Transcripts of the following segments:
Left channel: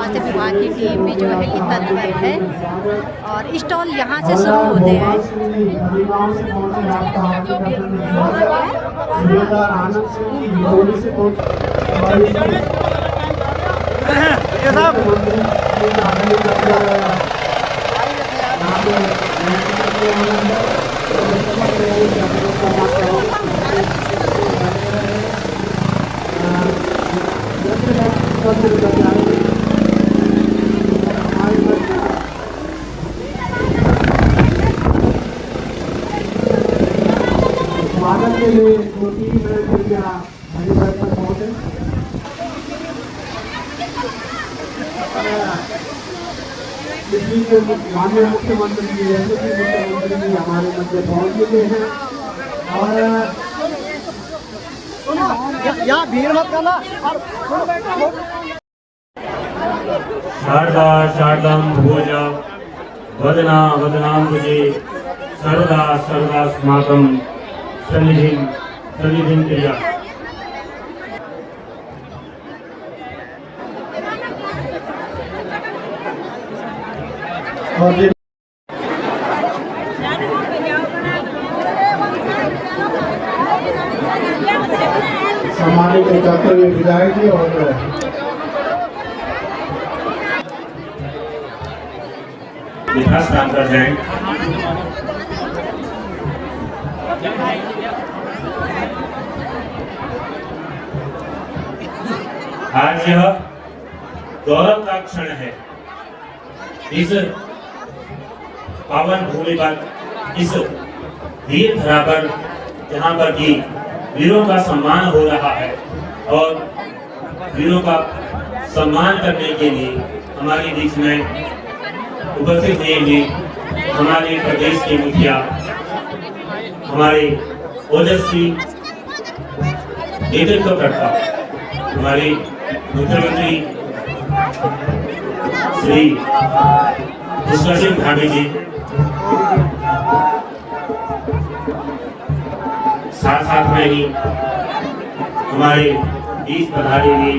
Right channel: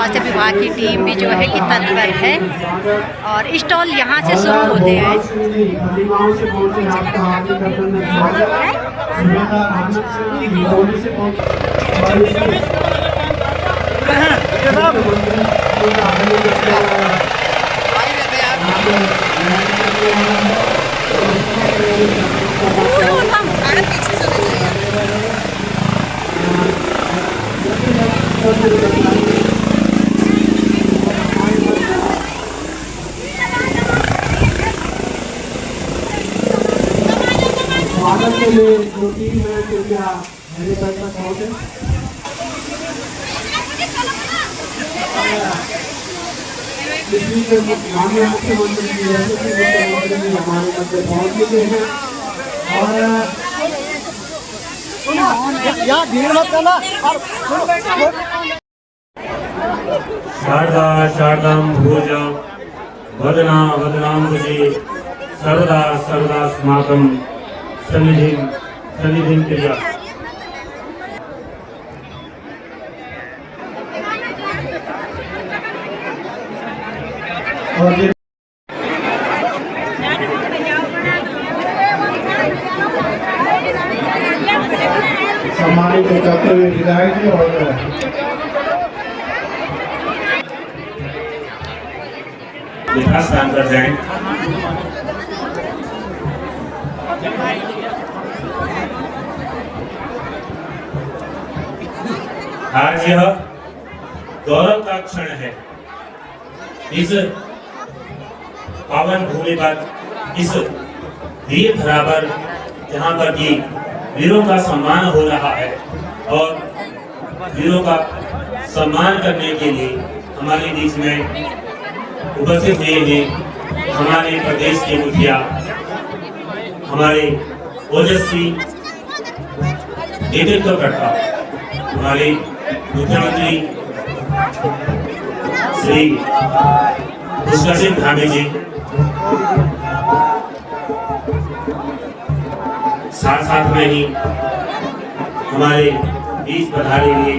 स्वास्थ्य विभाग की टीम भी जो है कि तत्पर है और स्टॉल यहाँ से शुरू होते हैं। माननीय मुख्यमंत्री जी हमारे मध्य पहुंच चुके हैं शारदा शारदां भोजा वदना वदनाम्बुजे सर्वदा सर्वदास्माकं सन्निधिं क्रिया। सम्मानित करते हुए विधायक जी और यथास्थान पर जाएं। आज यह गौरव का क्षण है। इस पावन भूमि पर, इस वीर धरा पर, जहाँ पर भी वीरों का सम्मान हो रहा है और वीरों का सम्मान करने के लिए हमारे बीच में उपस्थित हुए हमारे प्रदेश के मुखिया, हमारे ओजस्वी नेतृत्वकर्ता, हमारे मुख्यमंत्री श्री पुष्कर सिंह धामी जी, साथ साथ में ही हमारे बीच पधारे हुए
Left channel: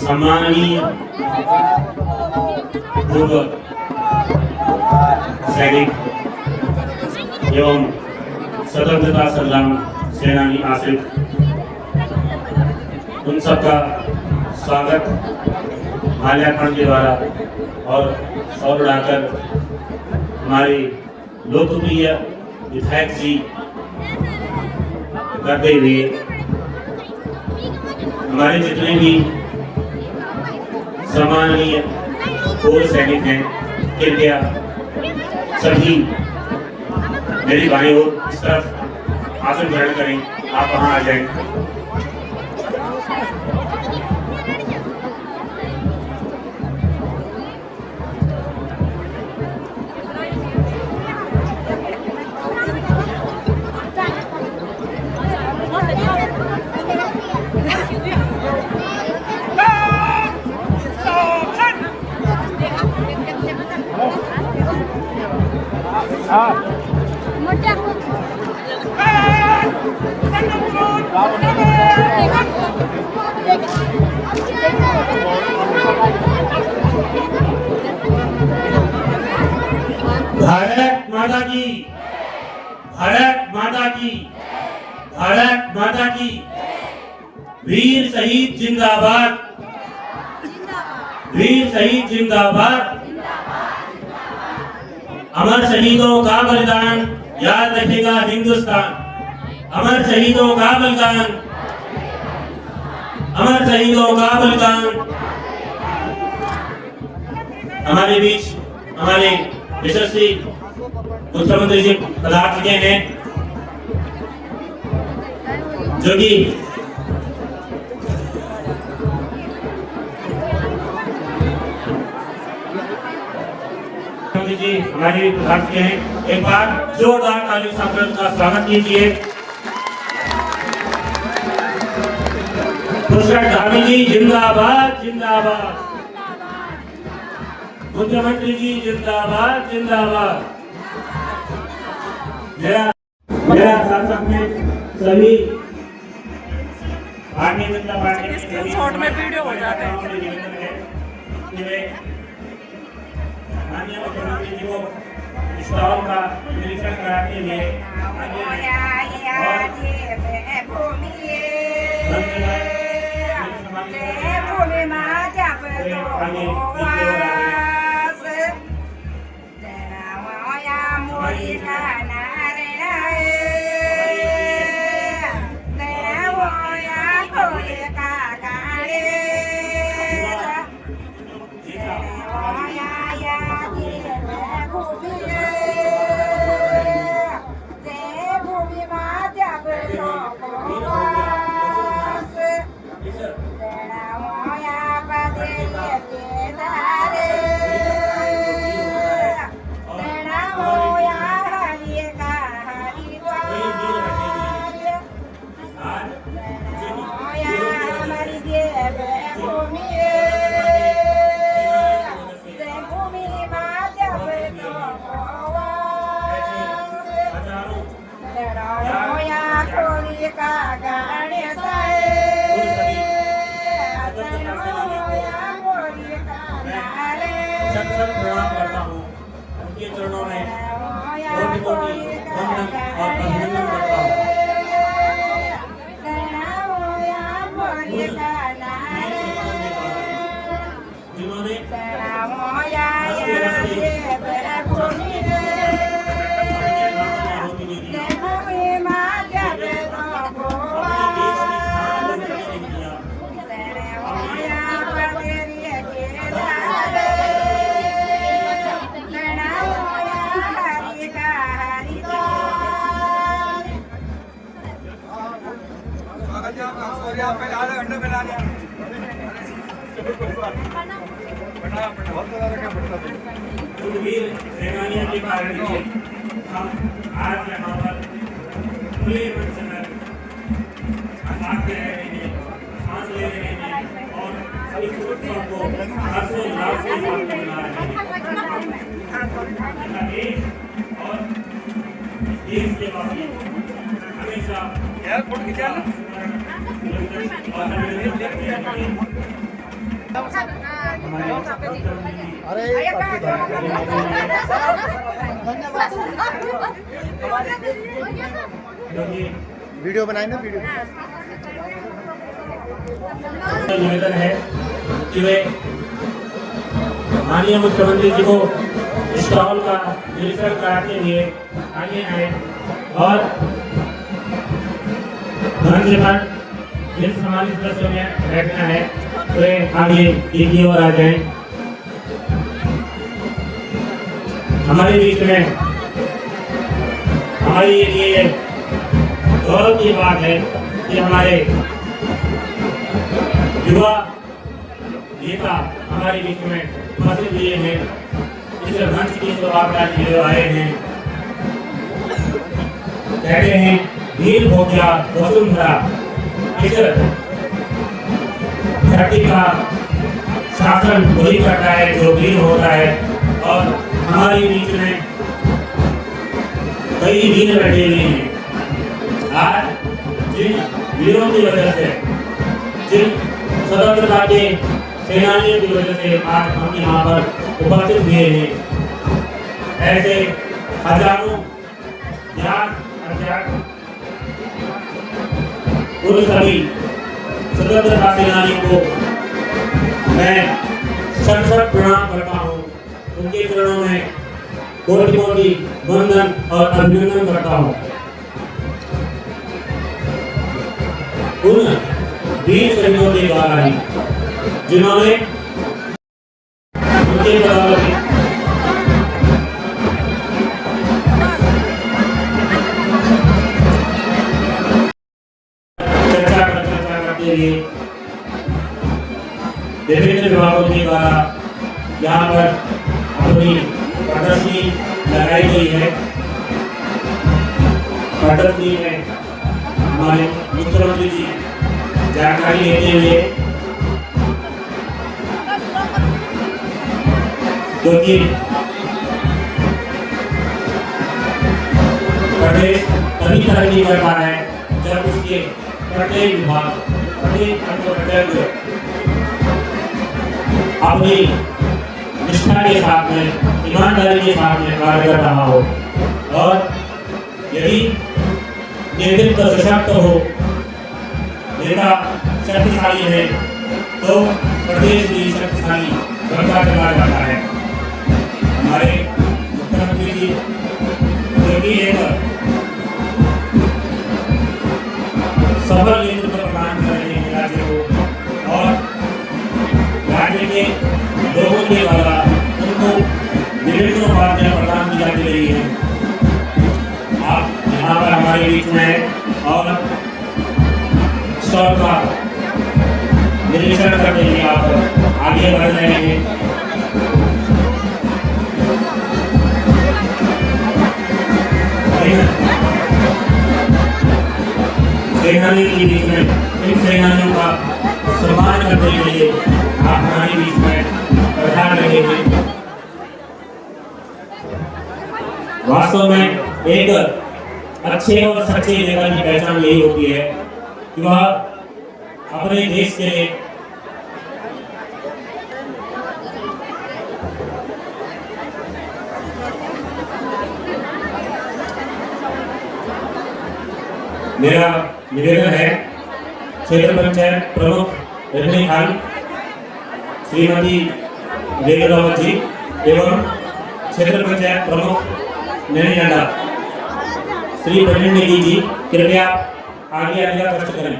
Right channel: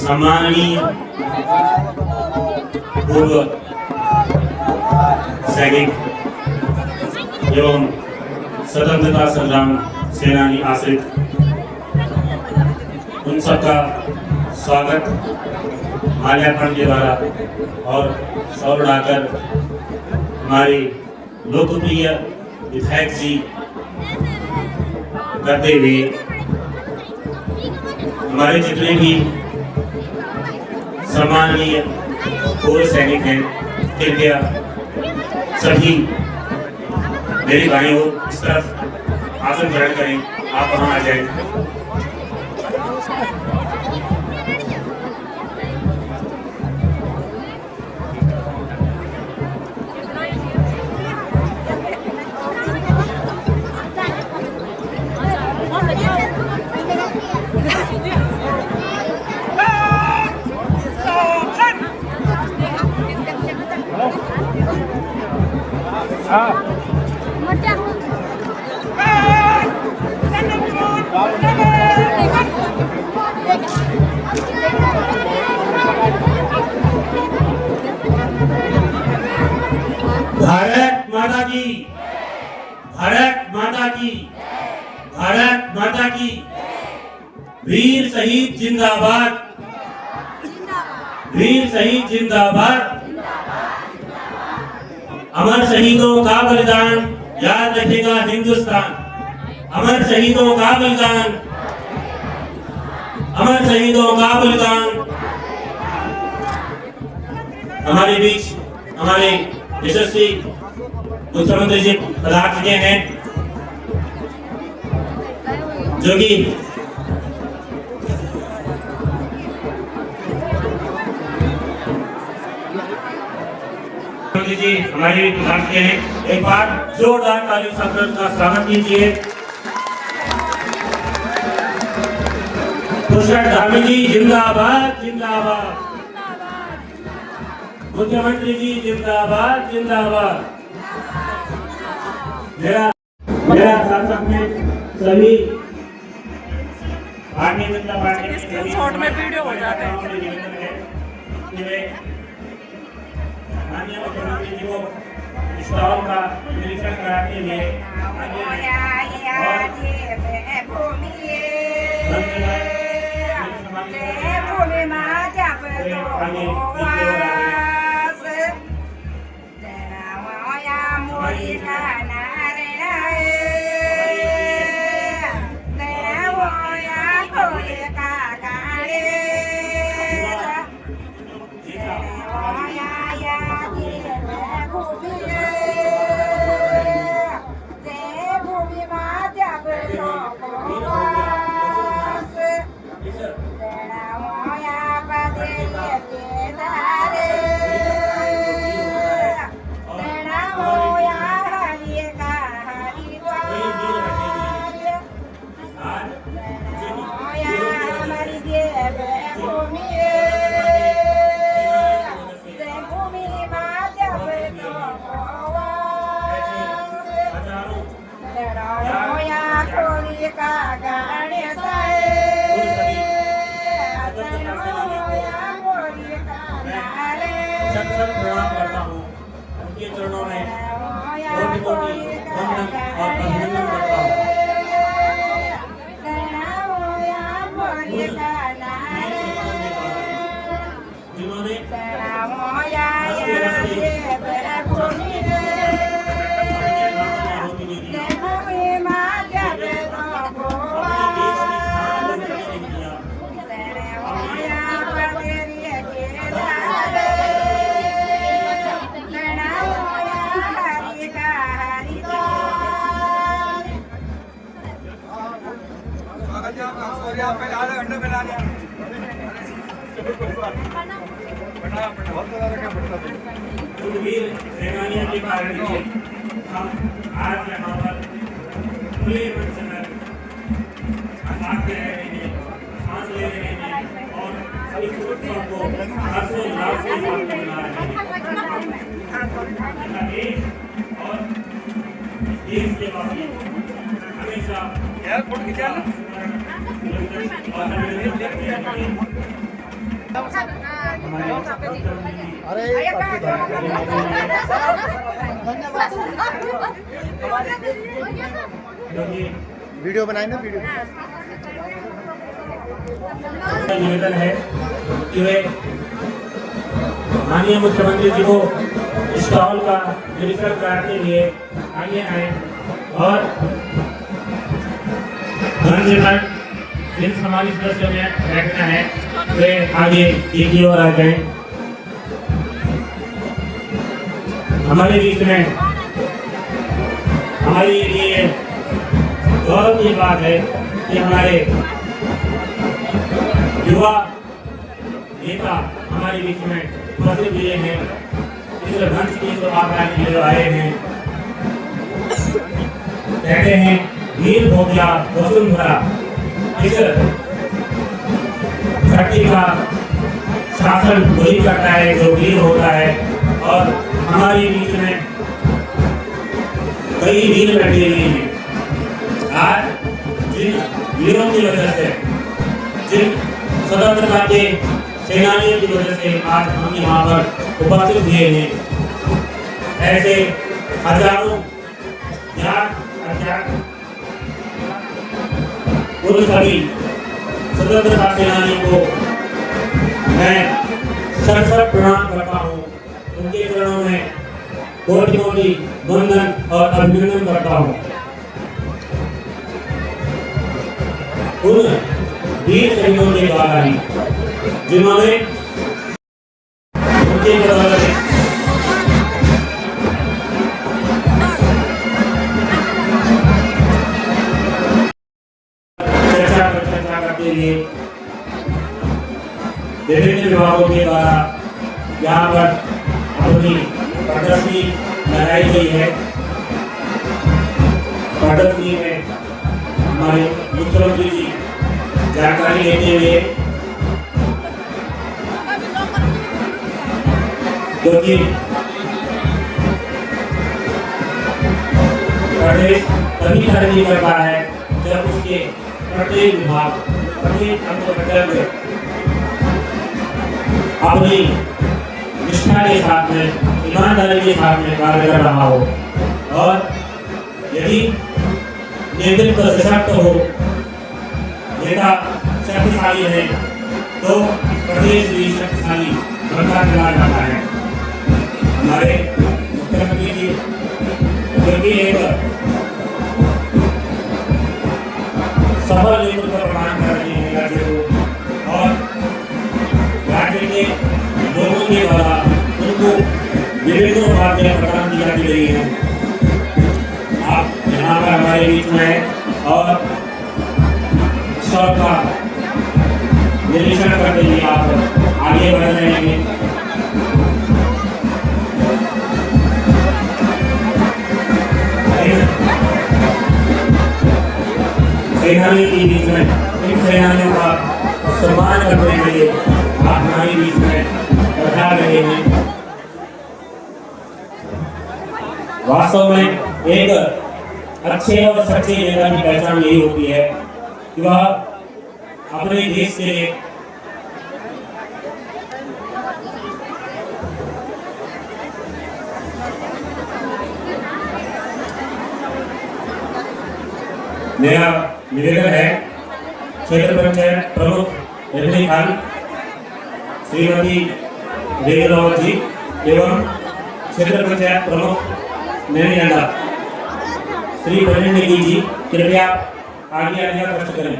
सम्माननीय पूर्व सैनिक एवं स्वतंत्रता संग्राम सेनानी आश्रित, उन सबका स्वागत माल्यार्पण के द्वारा और सौ बढ़ाकर हमारे लोकप्रिय विधायक जी करते हुए हमारे जितने भी सम्माननीय पूर्व सैनिक हैं, कृपया सभी मेरी भाई ओर इस तरफ आसन ग्रहण करें। आप वहां आ जाएं। भारत माता की, भारत माता की, भारत माता की। वीर शहीद जिंदाबाद, वीर शहीद जिंदाबाद। अमर शहीदों का बलिदान याद रखेगा हिंदुस्तान। अमर शहीदों का बलिदान, अमर शहीदों का बलिदान। हमारे बीच हमारे यशस्वी मुख्यमंत्री जी पधार चुके हैं, जो कि मुख्यमंत्री जी हमारे बीच पधार चुके हैं। एक बार जोरदार तालियों से उनका स्वागत कीजिए। पुष्कर धामी जी जिंदाबाद, जिंदाबाद। मुख्यमंत्री जी जिंदाबाद, जिंदाबाद। मेरा साथ में सभी भारतीय जनता पार्टी के में वीडियो हो जाते हैं। कि वे माननीय मुख्यमंत्री जी को स्टॉल का निरीक्षण कराने के लिए आगे आए और प्रणाम करता हूँ उनके चरणों में कोटि-कोटि वंदन और अभिनंदन करता हूँ जिन्होंने वीर सेनानियों के कारण हम आज यहाँ पर खुले मन से आजाद रह रहे हैं, सांस ले रहे हैं और इस उत्सव को हर्षोल्लास के साथ मना रहे हैं। देश और देश के वासी हमेशा अरे वीडियो बनाए ना वीडियो निवेदन है कि वे माननीय मुख्यमंत्री जी को स्टॉल का निरीक्षण कराने के लिए आगे आए और धन से जिन सम्मानित सदस्य में बैठना है वे आगे की ओर आ जाएं। हमारे बीच में हमारे लिए गौरव की बात है कि हमारे युवा नेता हमारे बीच में उपस्थित हुए हैं, इस मंच की शोभा के लिए आए हैं। कहते हैं वीर भोगिया वसुंधरा, इस धरती का शासन वही करता है जो वीर होता है और हमारे बीच में कई वीर बैठे हुए हैं। आज जिन वीरों की वजह से, जिन स्वतंत्रता के सेनानियों की वजह से आज हम यहाँ पर उपस्थित हुए हैं, ऐसे हजारों ज्ञात अज्ञात उन सभी स्वतंत्रता सेनानियों को मैं सर प्रणाम करता हूँ। उनके चरणों में कोटि-कोटि वंदन और अभिनंदन करता हूँ। उन वीर सैनिकों के द्वारा ही जिन्होंने उनके द्वारा चर्चा करते हुए विभिन्न विभागों के द्वारा यहाँ पर अपनी प्रदर्शनी लगाई गई है। प्रदर्शनी में हमारे मुख्यमंत्री जी जानकारी लेते हुए क्योंकि प्रदेश तभी तरक्की करता है जब उसके प्रत्येक विभाग प्रत्येक अंग अपनी निष्ठा के साथ में, ईमानदारी के साथ में कार्य कर रहा हो और यदि नेतृत्व सशक्त हो, नेता शक्तिशाली है तो प्रदेश भी शक्तिशाली बनता चला जाता है। हमारे मुख्यमंत्री जी जो भी एक सफल नेतृत्व प्रदान कर रहे हैं राज्य को और राज्य के लोगों के द्वारा उनको विभिन्न उपाधियां प्रदान की जाती रही है। आप यहाँ पर हमारे बीच में है और सबका निरीक्षण करते हुए आप आगे बढ़ रहे हैं। सेनानी के बीच में इन सेनानियों का सम्मान करने के लिए आप हमारे बीच में पधार रहे हैं। वास्तव में एक अच्छे और सच्चे नेता की पहचान यही होती है कि वह अपने देश के लिए मेरा निवेदन है क्षेत्र पंचायत प्रमुख रजनीकांत श्रीमती देवरावत जी एवं क्षेत्र पंचायत प्रमुख नैना श्री बजरंगी जी कृपया आगे आने का कष्ट करें।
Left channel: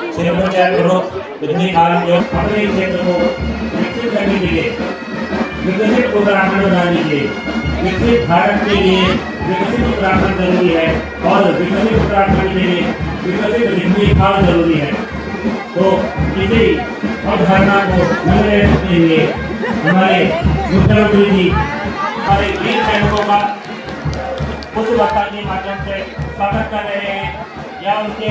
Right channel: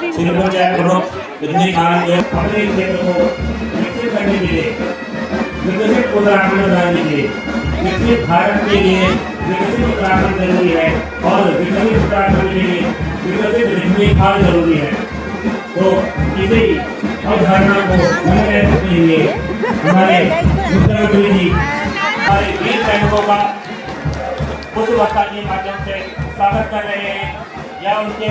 क्षेत्र पंचायत प्रमुख रजनीकांत अपने क्षेत्र को विकसित करने के लिए विकसित उत्तराखंड बनाने के लिए विकसित भारत के लिए विकसित उत्तराखंड जरूरी है और विकसित उत्तराखंड के लिए विकसित रजनीकांत जरूरी है। तो इसी अवधारणा को मैंने रखते हुए हमारे मुख्यमंत्री जी हमारे वीर सैनिकों का पुष्पवर्षा के माध्यम से स्वागत कर रहे हैं या उनके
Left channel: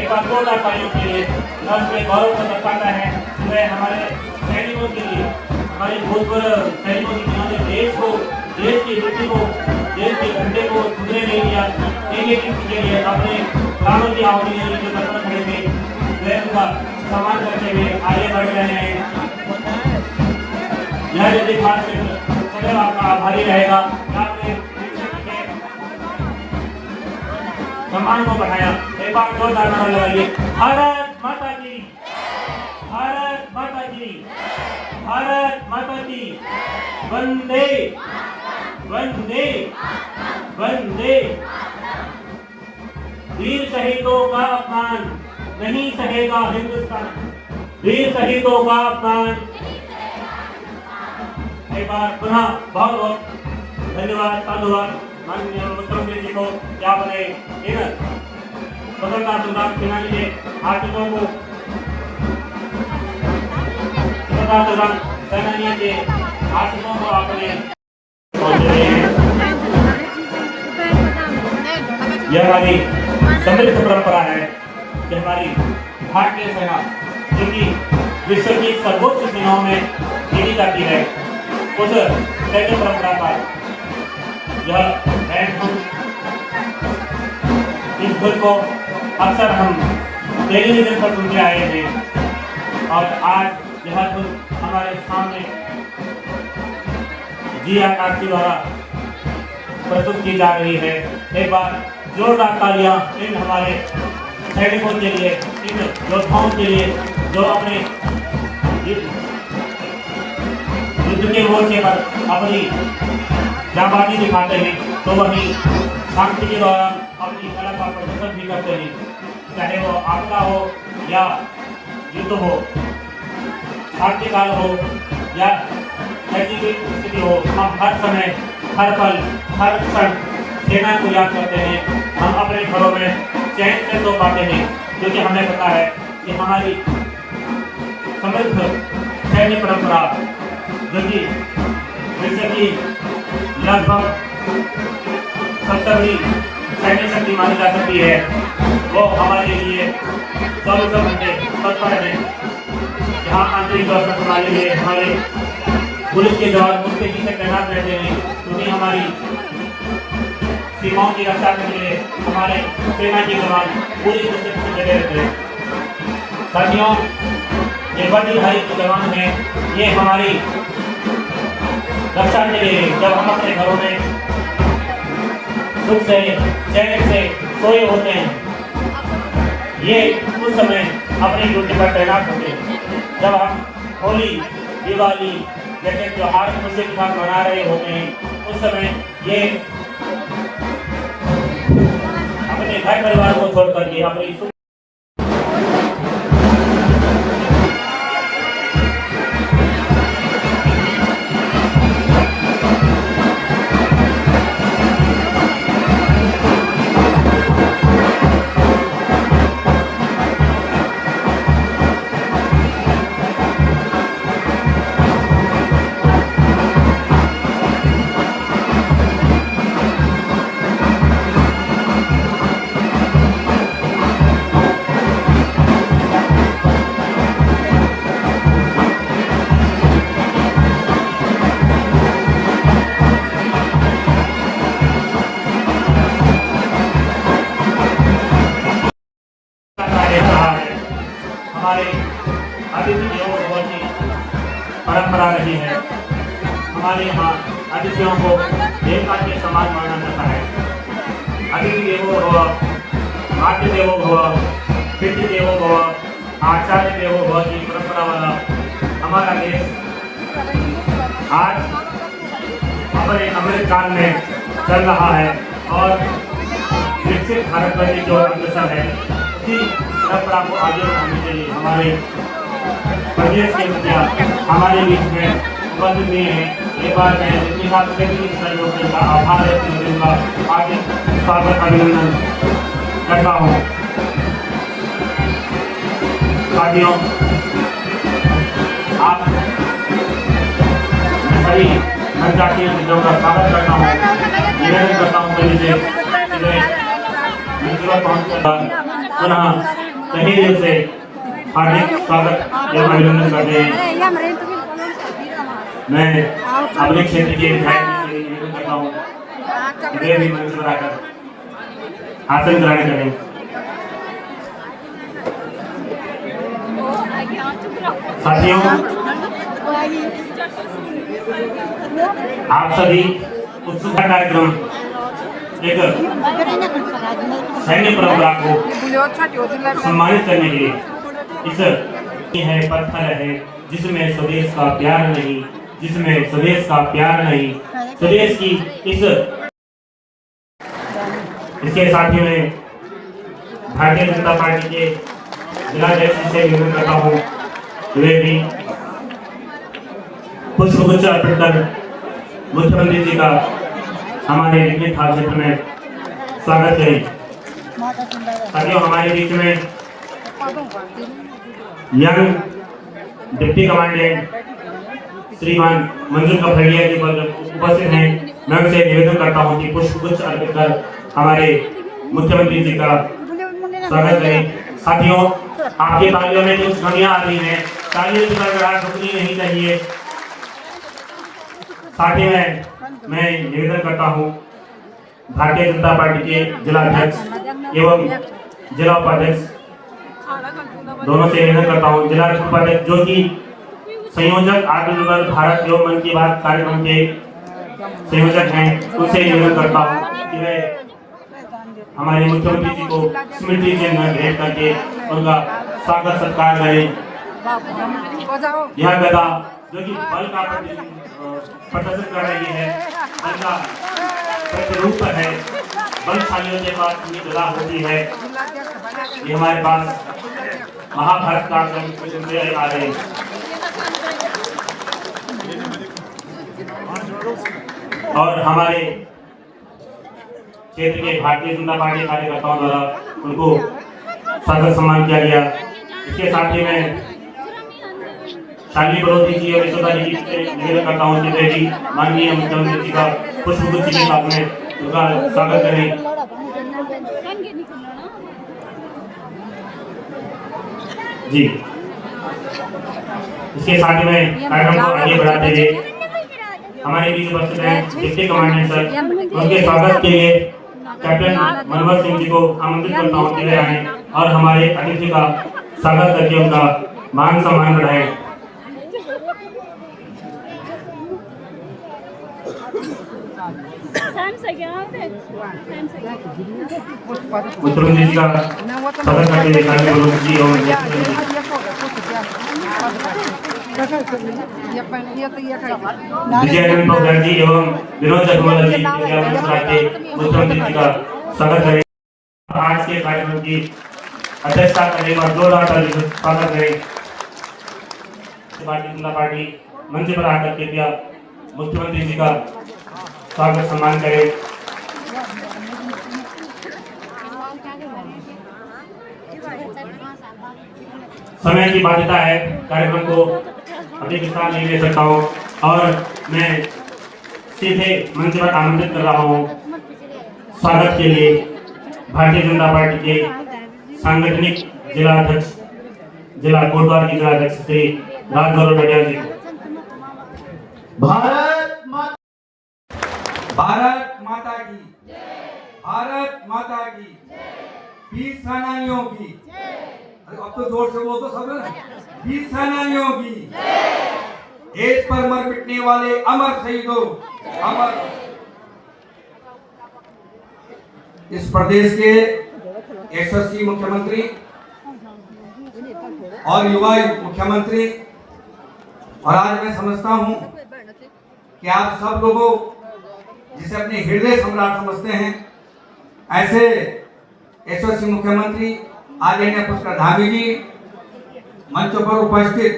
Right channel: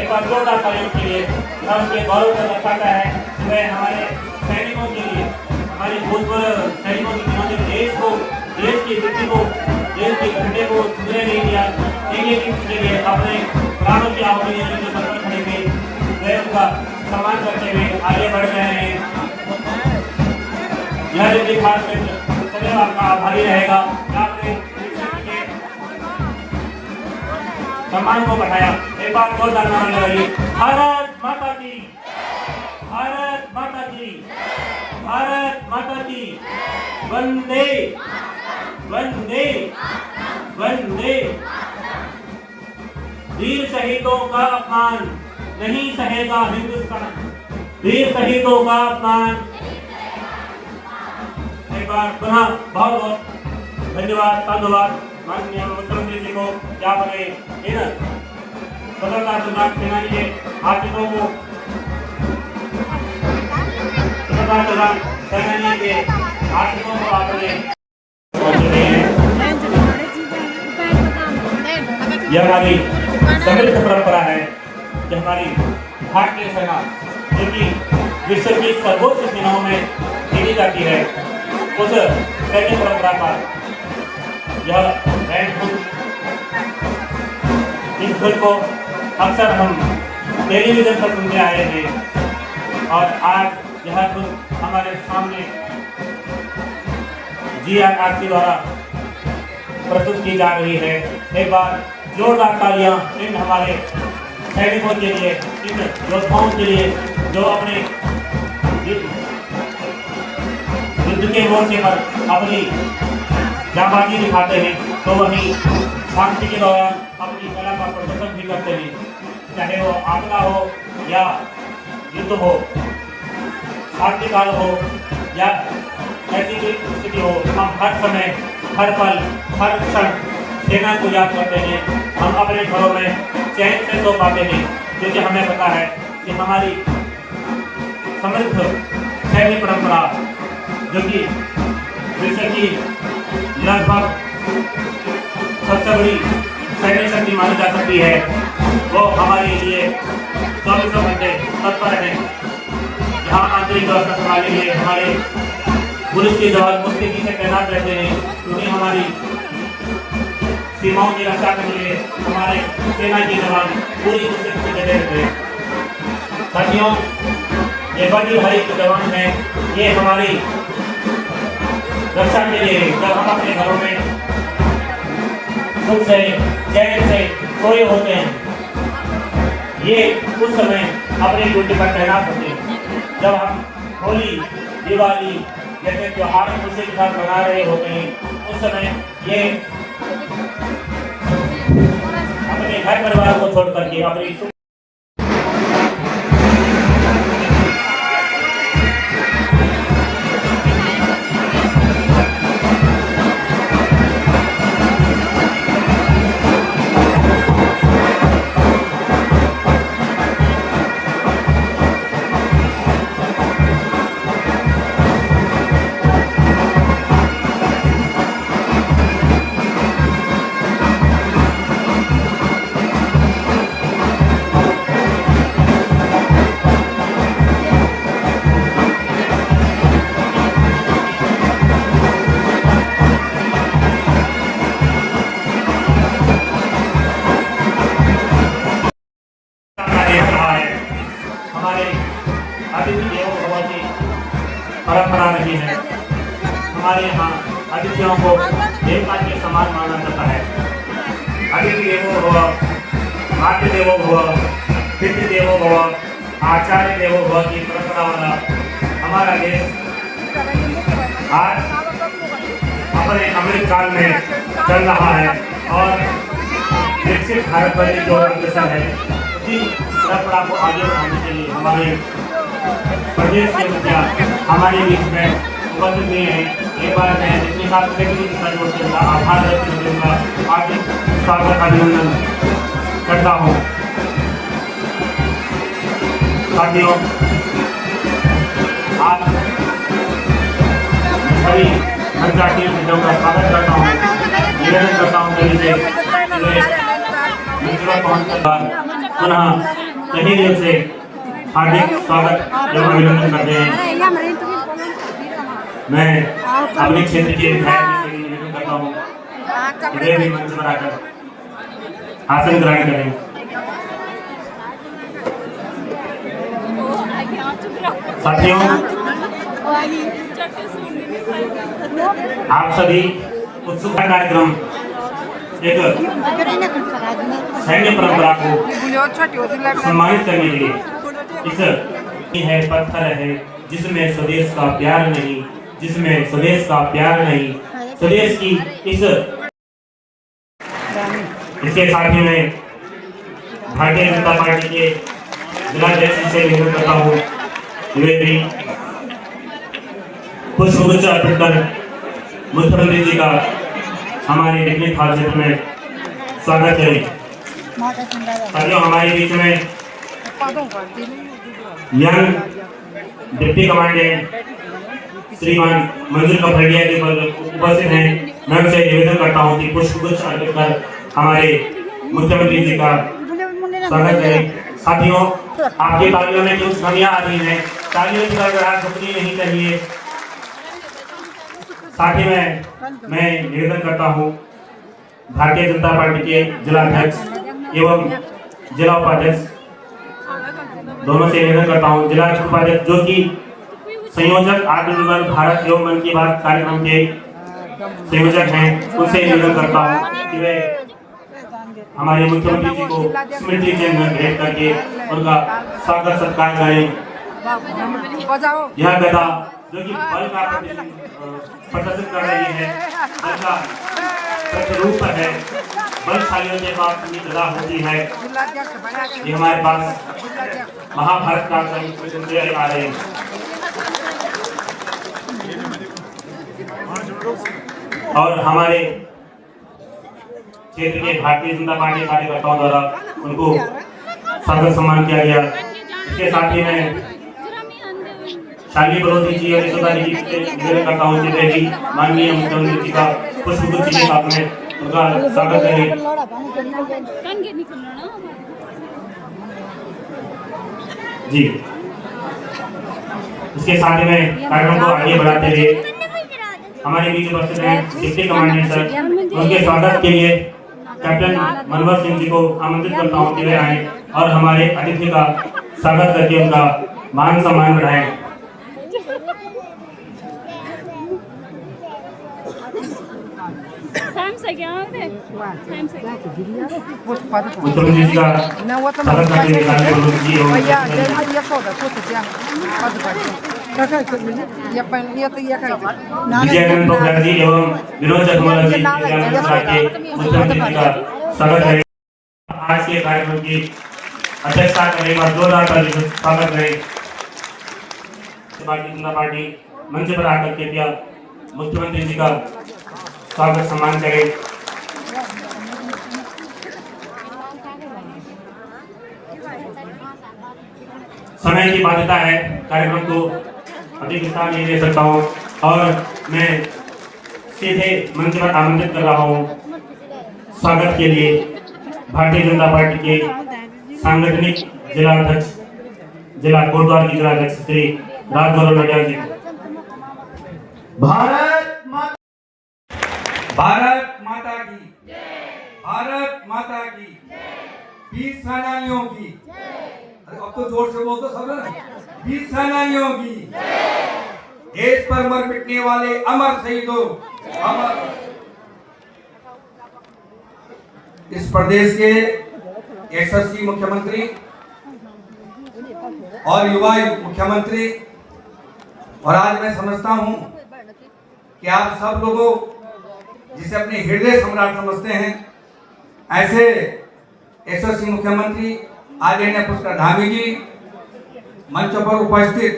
एक बार जोरदार तालियों के लिए या उनके गौरव को दर्शाता है। वह हमारे सैनिकों के लिए हमारे भूतपूर्व सैनिकों की जिन्होंने देश की स्थिति को देश के घंटे को छूने नहीं दिया, एक के लिए अपने प्राणों की आहुति देने के तत्पर खड़े थे, वे उनका सम्मान करते हुए आगे बढ़ रहे हैं। यह यदि खास क्षेत्र सदैव आपका आभारी रहेगा। आपने सम्मान को बढ़ाया। एक बार जोरदार नारा लगाइए, भारत माता की, भारत माता की, भारत माता की, वंदे वंदे वंदे। वीर शहीदों का अपमान नहीं सहेगा हिंदुस्तान, वीर शहीदों का अपमान। एक बार पुनः बहुत बहुत धन्यवाद धन्यवाद माननीय मुख्यमंत्री जी को क्या बने इन स्वतंत्रता संग्राम सेनानी के आशिकों को स्वतंत्रता संग्राम सेनानियों के आशिकों को आपने यह हमारी समृद्ध परंपरा है कि हमारी भारतीय सेना जो कि विश्व की सर्वोच्च सेनाओं में गिनी जाती है, उस सैन्य परंपरा का यह बैंड इस धुन को अक्सर हम टेलीविजन पर सुनते आए हैं और आज यह धुन हमारे सामने GRRC द्वारा प्रस्तुत की जा रही है। एक बार जोरदार तालियां इन हमारे सैनिकों के लिए, इन योद्धाओं के लिए जो अपने युद्ध के मोर्चे पर अपनी जाबाजी दिखाते हैं, तो वही शांति के दौरान अपनी कला का प्रदर्शन भी करते हैं। चाहे वो आपदा हो या युद्ध हो, शांतिकाल हो या ऐसी भी स्थिति हो, हम हर समय हर पल हर क्षण सेना को याद करते हैं। हम अपने घरों में चैन से सो पाते हैं क्योंकि हमें पता है कि हमारी समृद्ध सैन्य परंपरा जो कि विश्व की लगभग सबसे बड़ी सैन्य शक्ति मानी जा सकती है, वो हमारे लिए 24 घंटे तत्पर है। जहाँ आंतरिक सुरक्षा प्रणाली में हमारे पुलिस के जवान उसके पीछे तैनात रहते हैं क्योंकि हमारी सीमाओं की रक्षा करने के लिए हमारे सेना के जवान पूरी कोशिश से डटे रहते हैं। साथियों, नेपाली भाई के जवान हैं, ये हमारी रक्षा के लिए जब हम अपने घरों में सुख से चैन से सोए होते हैं, ये उस समय अपनी ड्यूटी पर तैनात होते हैं। जब हम होली दिवाली जैसे त्योहार खुशी के साथ मना रहे होते हैं, उस समय ये अपने घर परिवार को छोड़ करके अपनी परंपरा रही है। हमारे यहाँ अतिथियों को एक हाथ के समान माना जाता है। अतिथि देवो भव, मातृ देवो भव, पितृ देवो भव, आचार्य देवो भव की परंपरा वाला हमारा देश आज अपने अमृत काल में चल रहा है और विकसित भारत बनने की ओर अग्रसर है। उसी परंपरा को आगे बढ़ाने के लिए हमारे प्रदेश के मुखिया हमारे बीच में उपस्थित हुए हैं। एक बार मैं जितने साथ सहयोग से आभार व्यक्त करूँगा, आपके स्वागत अभिनंदन करता हूँ। साथियों, आप सभी अंतर्राष्ट्रीय मुद्दों का स्वागत करता हूँ, निवेदन करता हूँ सभी से पहुँचकर पुनः सभी दिल से हार्दिक स्वागत एवं अभिनंदन करते हैं। मैं अपने क्षेत्र के विधायक से निवेदन करता हूँ, मुझे भी मंच पर आकर आसन ग्रहण करें। साथियों, आप सभी उत्सुक कार्यक्रम एक सैन्य परंपरा को सम्मानित करने के लिए इस है पत्थर है जिसमें स्वदेश का प्यार नहीं, जिसमें स्वदेश का प्यार नहीं, स्वदेश की इसके साथियों में भारतीय जनता पार्टी के जिलाध्यक्ष से निवेदन करता हूँ, वे भी पुष्पगुच्छ अर्पित कर मुख्यमंत्री जी का हमारे निकले थाल क्षेत्र में स्वागत करें। साथियों, हमारे बीच में यंग डिप्टी कमांडेंट श्रीमान मंजूर कफड़िया के पद उपस्थित हैं। मैं उनसे निवेदन करता हूं कि पुष्पगुच्छ अर्पित कर हमारे मुख्यमंत्री जी का स्वागत करें। साथियों, आपके तालियों में कुछ ध्वनियां आ रही हैं, तालियों की गड़गड़ाहट रुकनी नहीं चाहिए। साथ ही मैं निवेदन करता हूं भारतीय जनता पार्टी के जिलाध्यक्ष एवं जिला उपाध्यक्ष दोनों से निवेदन करता हूं, जिला उपाध्यक्ष जो कि संयोजक आत्मनिर्भर भारत एवं मन की बात कार्यक्रम के संयोजक हैं, उनसे निवेदन करता हूं कि वे हमारे मुख्यमंत्री जी को स्मृति चिन्ह भेंट करके उनका स्वागत सत्कार करें। यह गदा जो कि बल का प्रदर्शित कर रही है, बल का प्रतिरूप है, बलशालियों के पास अपनी गदा होती है। ये हमारे पास महाभारत का आ रहे हैं। और हमारे क्षेत्र के भारतीय जनता पार्टी कार्यकर्ताओं द्वारा उनको स्वागत सम्मान किया गया। इसके साथ ही मैं शाली बड़ोती जी और निवेदन करता हूँ कि वे भी माननीय मुख्यमंत्री जी का पुष्पगुच्छ के साथ में उनका स्वागत करें। जी, इसके साथ ही में कार्यक्रम को आगे बढ़ाते हुए हमारे बीच उपस्थित हैं डिप्टी कमांडेंट सर, उनके स्वागत के लिए कैप्टन मनोहर सिंह जी को आमंत्रित करता हूँ कि वे आए और हमारे अतिथि का स्वागत करके उनका मान सम्मान बढ़ाएं। मुख्यमंत्री जी का स्वागत करते हुए मुख्यमंत्री जी और विजयानंद पोखरियाल जी एवं विनोद जगमोहन जी के मुख्यमंत्री जी का स्वागत करें। आज के कार्यक्रम की अध्यक्षता करने के बाद जोरदार तालियों से स्वागत करें। भारतीय जनता पार्टी मंच पर आकर कृपया मुख्यमंत्री जी का स्वागत सम्मान करें। समय की बाध्यता है, कार्यक्रम को अधिक विस्तार नहीं ले सकता हूँ और मैं सीधे मंच पर आमंत्रित कर रहा हूँ स्वागत के लिए भारतीय जनता पार्टी के सांगठनिक जिला अध्यक्ष जिला कोटद्वार की जिला अध्यक्ष श्री राजगौरव नडियाल जी। भारत माता की भारत माता की वीर सेनानियों की, अब तो जोर से बोल दो सब लोग, वीर सेनानियों की, देश पर मर मिटने वाले अमर शहीदों, अमर। इस प्रदेश के यशस्वी मुख्यमंत्री और युवा मुख्यमंत्री, और आज मैं समझता हूं कि आप सब लोगों जिसे अपने हृदय सम्राट समझते हैं, ऐसे यशस्वी मुख्यमंत्री आदरणीय पुष्कर धामी जी मंच पर उपस्थित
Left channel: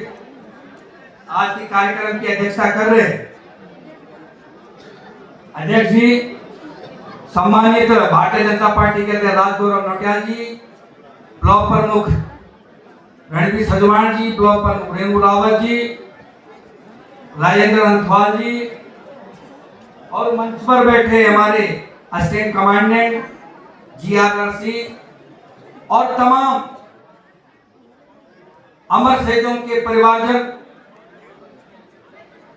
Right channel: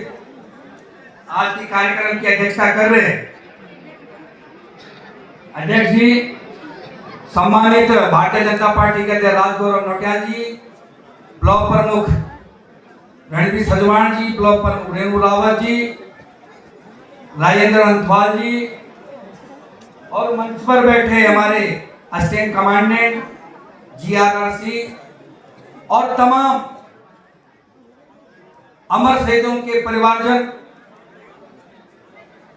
आज के कार्यक्रम की अध्यक्षता कर रहे हैं। अध्यक्ष जी, सम्मानित भारतीय जनता पार्टी के राजगौरव नडियाल जी, ब्लॉक प्रमुख रणवीर सजवाण जी, ब्लॉक प्रमुख रेणु रावत जी, राजेंद्र अंथवाल जी और मंच पर बैठे हमारे असिस्टेंट कमांडेंट GRRC और तमाम अमर शहीदों के परिवारजन,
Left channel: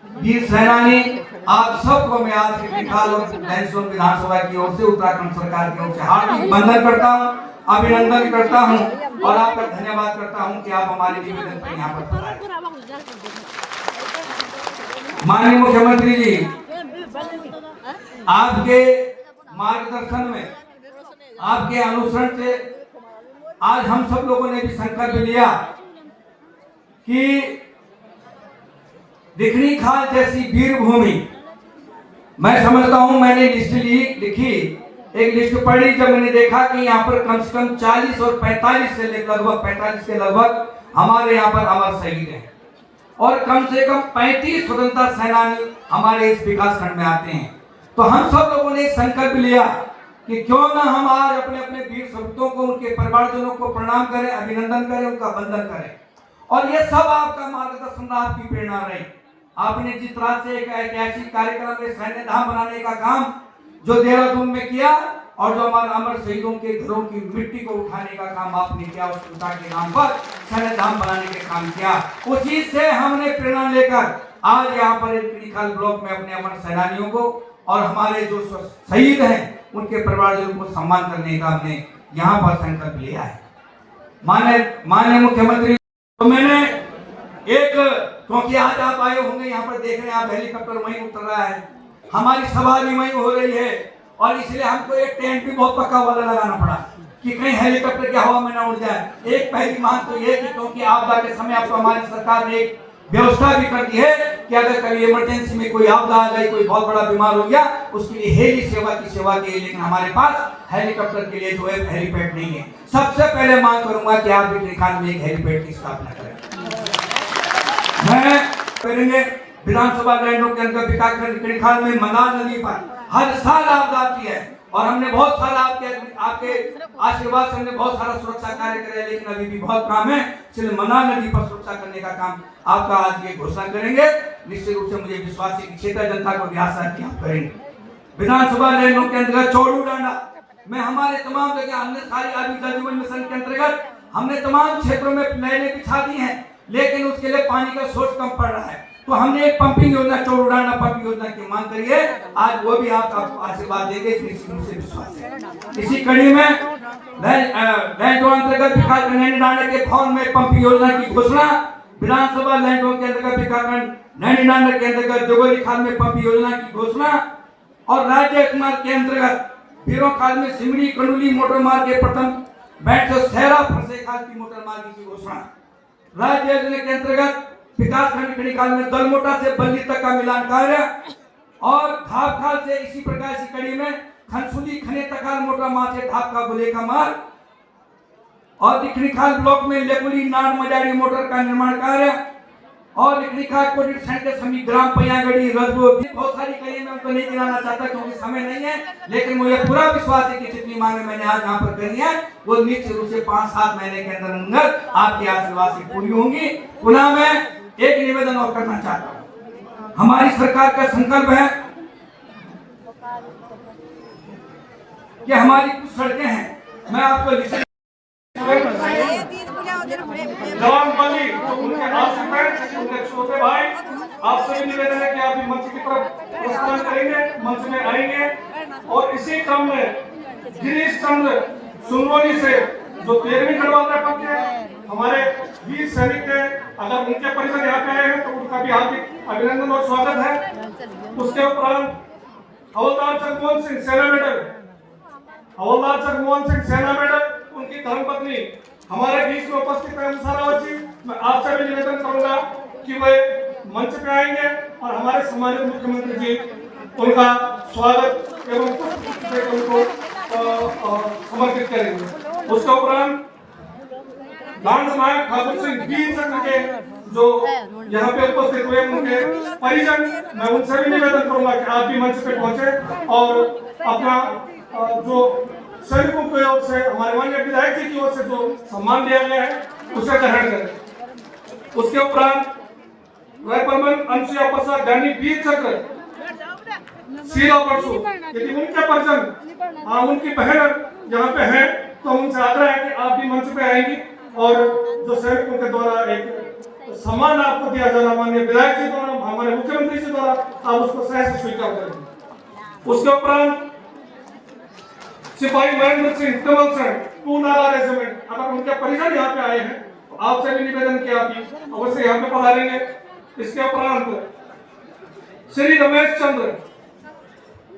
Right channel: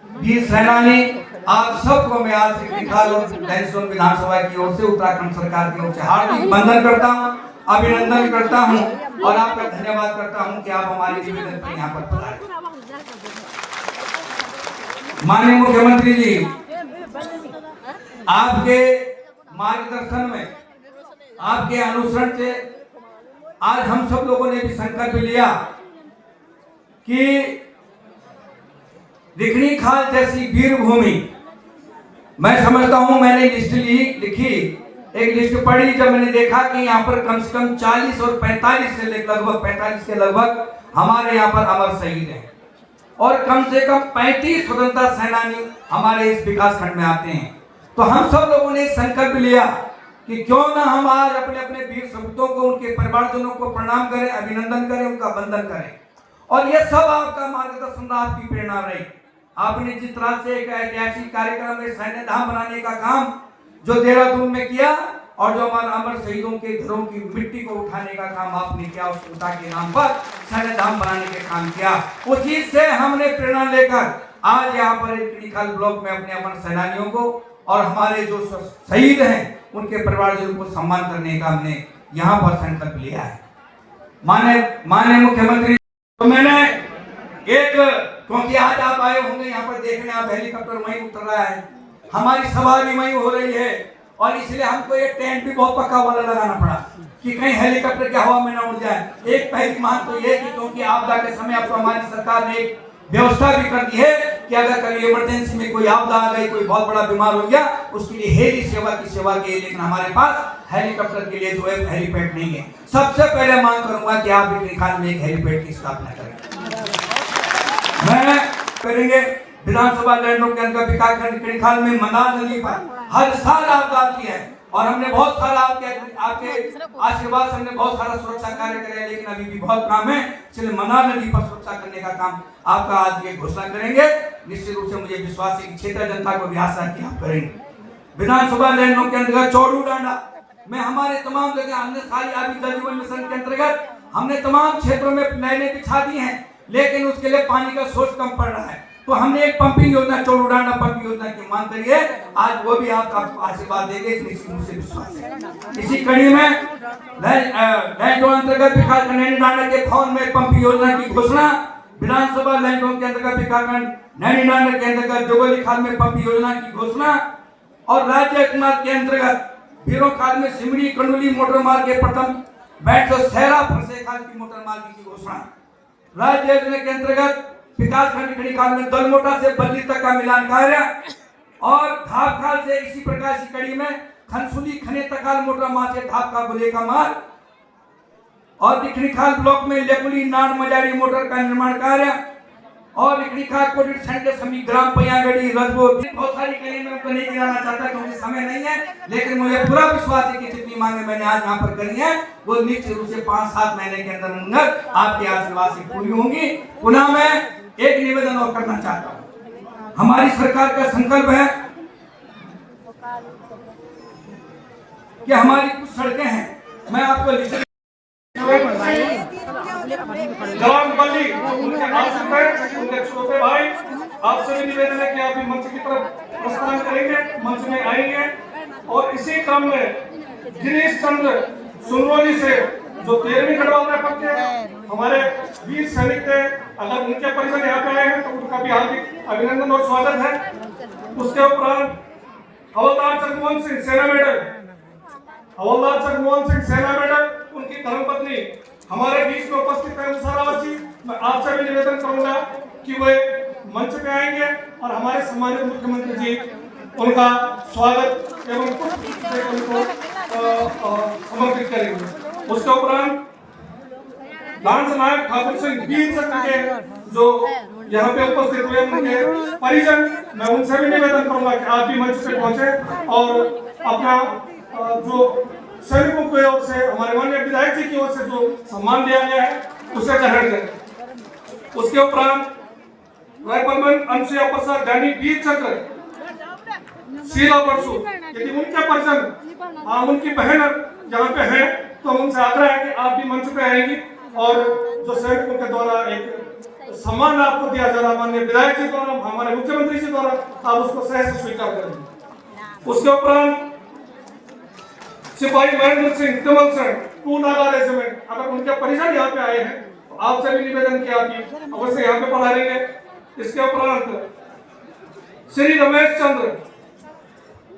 वीर सेनानी, आप सबको मैं आज विधानसभा की ओर से उत्तराखंड सरकार की ओर से हार्दिक वंदन करता हूं, अभिनंदन करता हूं और आपका धन्यवाद करता हूं कि आप हमारे निवेदन पर यहाँ पर पधारे। माननीय मुख्यमंत्री जी, आपके मार्गदर्शन में, आपके अनुसरण से आज हम सब लोगों ने भी संकल्प लिया कि दिखनी खाल जैसी वीर भूमि, मैं समझता हूं, मैंने लिस्ट लिखी, एक लिस्ट पढ़ी, जब मैंने देखा कि यहाँ पर कम से कम 40 और 45 से लगभग 45 के लगभग हमारे यहाँ पर अमर शहीद हैं और कम से कम 35 स्वतंत्रता सेनानी हमारे इस विकास खंड में आते हैं। तो हम सब लोगों ने संकल्प लिया कि क्यों ना हम आज अपने अपने वीर सपूतों को, उनके परिवारजनों को प्रणाम करें, अभिनंदन करें, उनका वंदन करें। और ये सब आपका मार्गदर्शन, आपकी प्रेरणा रही। आपने जिस तरह से एक ऐतिहासिक कार्यक्रम में सैन्य धाम बनाने का काम जो देहरादून में किया और जो हमारे अमर शहीदों के घरों की मिट्टी को उठाने का काम आपने किया, उस पिता के नाम पर सैन्य धाम बनाने के काम किया, उसी से हमने प्रेरणा लेकर आज यहाँ पर किनिखाल ब्लॉक में अपने अमर सेनानियों को और हमारे जो शहीद हैं उनके परिवारजनों को सम्मान करने का हमने यहाँ पर संकल्प लिया है। माननीय मुख्यमंत्री, तो मैंने एक, क्योंकि आज आप आए होंगे यहाँ पर देखने, आप हेलीकॉप्टर वहीं उतर रहा है, हमारी सभा भी वहीं हो रही है और इसलिए हमको एक टेंट भी बहुत पक्का वाला लगाना पड़ा कि कहीं हेलीकॉप्टर की हवा में न उड़ जाए। एक पहली मांग तो ये कि क्योंकि आपदा के समय आपको हमारी सरकार ने एक व्यवस्था भी कर दी है कि अगर कभी इमरजेंसी में कोई आपदा आ गई, कोई बहुत बड़ा बीमार हो गया, उसके लिए हेली सेवा की सेवा के लिए, लेकिन हमारे पास हेलीकॉप्टर के लिए जो है हेलीपैड नहीं है। सबसे पहले मांग करूंगा कि आप किनिखाल में एक हेलीपैड की स्थापना करें। मैं करेंगे विधानसभा लैंडों के अंदर किनिखाल में मनार नदी पर हर साल आपदा आती है और हमने बहुत सारा आपके आशीर्वाद से हमने बहुत सारा सुरक्षा कार्य करे, लेकिन अभी भी बहुत काम है। इसलिए मनार नदी पर सुरक्षा करने का काम आपका आज ये घोषणा करेंगे। निश्चित रूप से मुझे विश्वास है कि क्षेत्रीय जनता को भी आशा है कि आप करेंगे। विधानसभा लैंडों के अंतर्गत चौड़ू डांडा में हमारे तमाम जगह हमने सारी आजीविका जीवन मिशन के अंतर्गत हमने तमाम क्षेत्रों में नहरें बिछा दी हैं, लेकिन उसके लिए पानी का सोर्स कम पड़ रहा है। तो हमने एक पंपिंग योजना, चौड़ाना पंपिंग योजना की मांग करी है। आज वो भी आपका आशीर्वाद देंगे, इसमें मुझे विश्वास है। इसी कड़ी में लैंड जोन अंतर्गत विकास नैनीडांडा के फॉर्म में पंपिंग योजना की घोषणा, विधानसभा लैंड जोन के अंतर्गत विकास नैनीडांडा के अंतर्गत जोगोली खाल में पंपिंग योजना की घोषणा, और राज्य के अंतर्गत भीरों खाल में सिमड़ी कंडोली मोटर मार्ग के प्रथम बैठ से सहरा फरसे खाल की मोटर मार्ग की घोषणा। राज्य योजना के अंतर्गत विकास खंड खड़ी खाल में दलमोटा से बल्ली तक का मिलान कार्य, और धाप खाल से इसी प्रकार की कड़ी में खनसुली खने तकाल मोटर मार्ग से धाप का बुले का मार्ग, और दिखनी खाल ब्लॉक में लेकुली नान मजारी मोटर का निर्माण कार्य, और लिखा कोडिट सेंटर समी ग्राम पैयागढ़ी रजो। बहुत सारी कड़ी में उनको नहीं गिनाना चाहता क्योंकि समय नहीं है, लेकिन मुझे पूरा विश्वास है कि जितनी मांगे मैंने आज यहाँ पर करी है वो निश्चित रूप से 5-7 महीने के अंदर आपके आशीर्वाद से पूरी होंगी। पुनः मैं एक निवेदन और करना चाहता हूँ। हमारी सरकार का संकल्प है कि हमारी कुछ सड़कें हैं, मैं आपको लिस्ट जलालपल्ली उनके आश्रित उनके छोटे भाई, आपसे भी निवेदन है कि आप भी मंच की तरफ प्रस्थान करेंगे, मंच में आएंगे। और इसी क्रम में गिरीश चंद्र सुनवली से जो 13वीं गढ़वाल पक्के हैं, हमारे वीर सैनिक के, अगर उनके परिजन यहाँ पे आए हैं तो उनका भी हार्दिक अभिनंदन और स्वागत है। उसके उपरांत हवलदार जगमोहन सिंह सेना मेडल, हवलदार जगमोहन सिंह सेना मेडल, उनकी धर्मपत्नी हमारे बीच में उपस्थित है अनुसार जी। मैं आपसे भी निवेदन करूंगा कि वे मंच पे आएंगे और हमारे सम्मानित मुख्यमंत्री जी उनका स्वागत एवं उनको समर्पित करेंगे। उसके उपरांत डांस नायक ठाकुर सिंह वीर चक्र के जो यहाँ पे उपस्थित हुए उनके परिजन, मैं उनसे भी निवेदन करूंगा कि आप भी मंच पे पहुंचे और अपना जो सैनिकों की ओर से, हमारे माननीय विधायक जी की ओर से जो सम्मान दिया गया है उसे ग्रहण करें। उसके उपरांत रायपुर अंशुया प्रसाद ज्ञानी वीर चक्र शीला परसू, यदि उनके परिजन और उनकी बहन यहाँ पे हैं तो उनसे आग्रह है कि आप भी मंच पे आएंगी और जो सैनिकों के द्वारा एक सम्मान आपको दिया जाना, माननीय विधायक जी द्वारा, हमारे मुख्यमंत्री जी द्वारा, आप उसको सहर्ष स्वीकार करेंगे। उसके उपरांत सिपाही महेंद्र सिंह कमल सिंह पूनाला रेजिमेंट, अगर उनके परिजन यहाँ पे आए हैं तो आपसे भी निवेदन किया कि अवश्य यहाँ पे पधारेंगे। इसके उपरांत श्री रमेश चंद्र,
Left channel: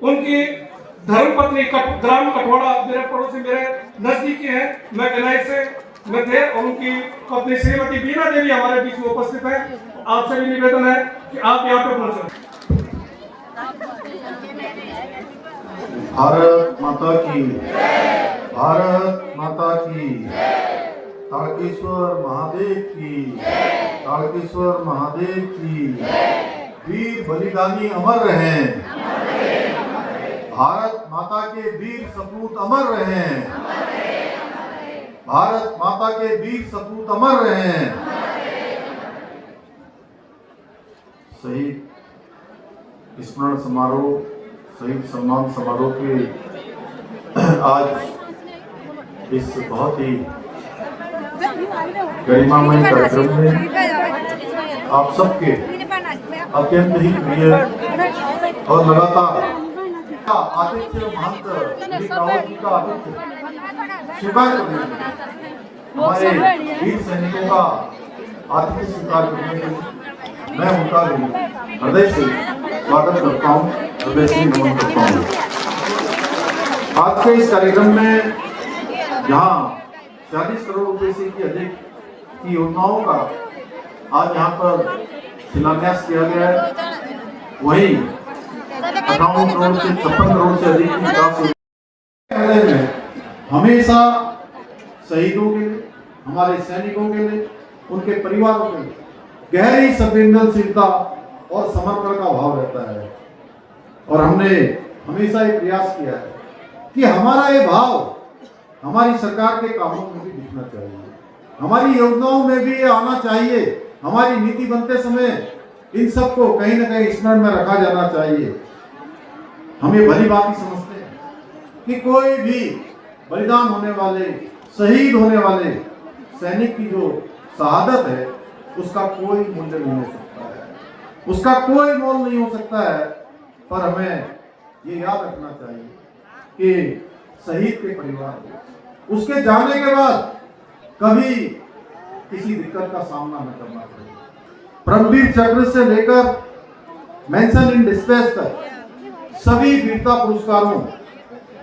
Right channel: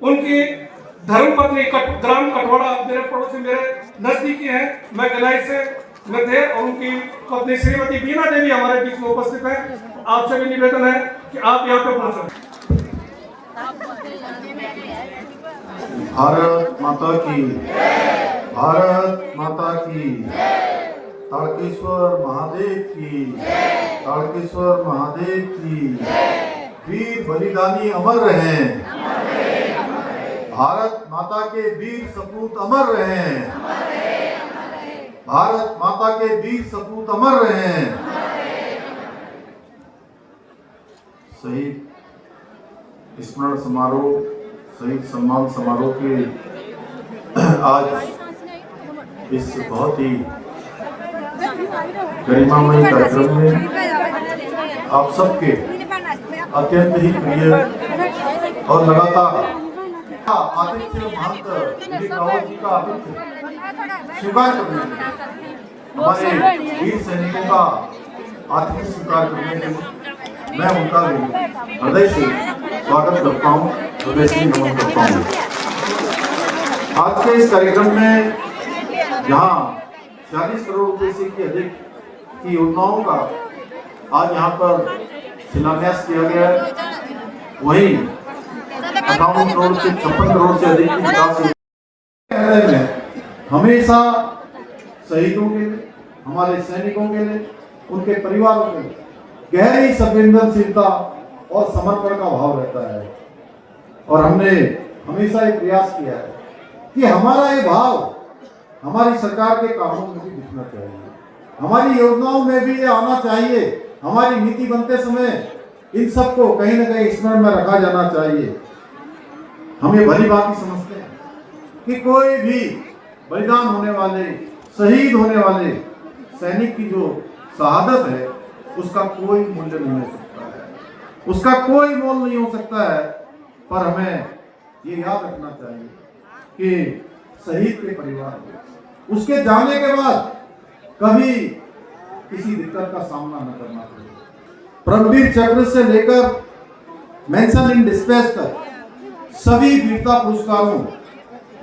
उनकी धर्मपत्नी ग्राम कठवाड़ा, मेरे पड़ोसी, मेरे नजदीकी हैं, मैं गिलाई से में थे, और उनकी पत्नी श्रीमती बीना देवी हमारे बीच में उपस्थित है। आपसे भी निवेदन है कि आप यहाँ पे पहुंचे। भारत माता की, भारत माता की, तारकेश्वर महादेव की, तारकेश्वर महादेव की। वीर बलिदानी अमर रहें, भारत माता के वीर सपूत अमर रहें, भारत माता के वीर सपूत अमर रहें। शहीद स्मरण समारोह, शहीद सम्मान समारोह के आज इस बहुत ही गरिमामय कार्यक्रम में आप सबके अत्यंत ही प्रिय और लगातार आदित्य महंत रावत जी का आतिथ्य स्वीकार करने के लिए, हमारे वीर सैनिकों का आतिथ्य स्वीकार करने के लिए मैं उनका भी हृदय से स्वागत करता हूँ, हृदय से नमन करता हूँ। आज के इस कार्यक्रम में जहाँ 40 करोड़ रुपए से भी अधिक की योजनाओं का आज यहाँ पर शिलान्यास किया गया है, वही 58 करोड़ से 56 करोड़ से अधिक की विकास में हमेशा शहीदों के लिए, हमारे सैनिकों के लिए, उनके परिवारों के लिए गहरी संवेदनशीलता और समर्पण का भाव रहता है। और हमने हमेशा ये प्रयास किया है कि हमारा ये भाव हमारी सरकार के कामों में भी दिखना चाहिए, हमारी योजनाओं में भी ये आना चाहिए, हमारी नीति बनते समय इन सबको कहीं न कहीं स्मरण में रखा जाना चाहिए। हम ये भली बात ही समझते हैं कि कोई भी बलिदान होने वाले, शहीद होने वाले सैनिक की जो शहादत है उसका कोई मूल्य नहीं हो सकता है। उसका कोई मोल नहीं हो सकता है, पर हमें ये याद रखना चाहिए कि शहीद के परिवार उसके जाने के बाद कभी किसी दिक्कत का सामना न करना पड़े। परमवीर चक्र से लेकर मेंशन इन डिस्ट्रेस तक सभी वीरता पुरस्कारों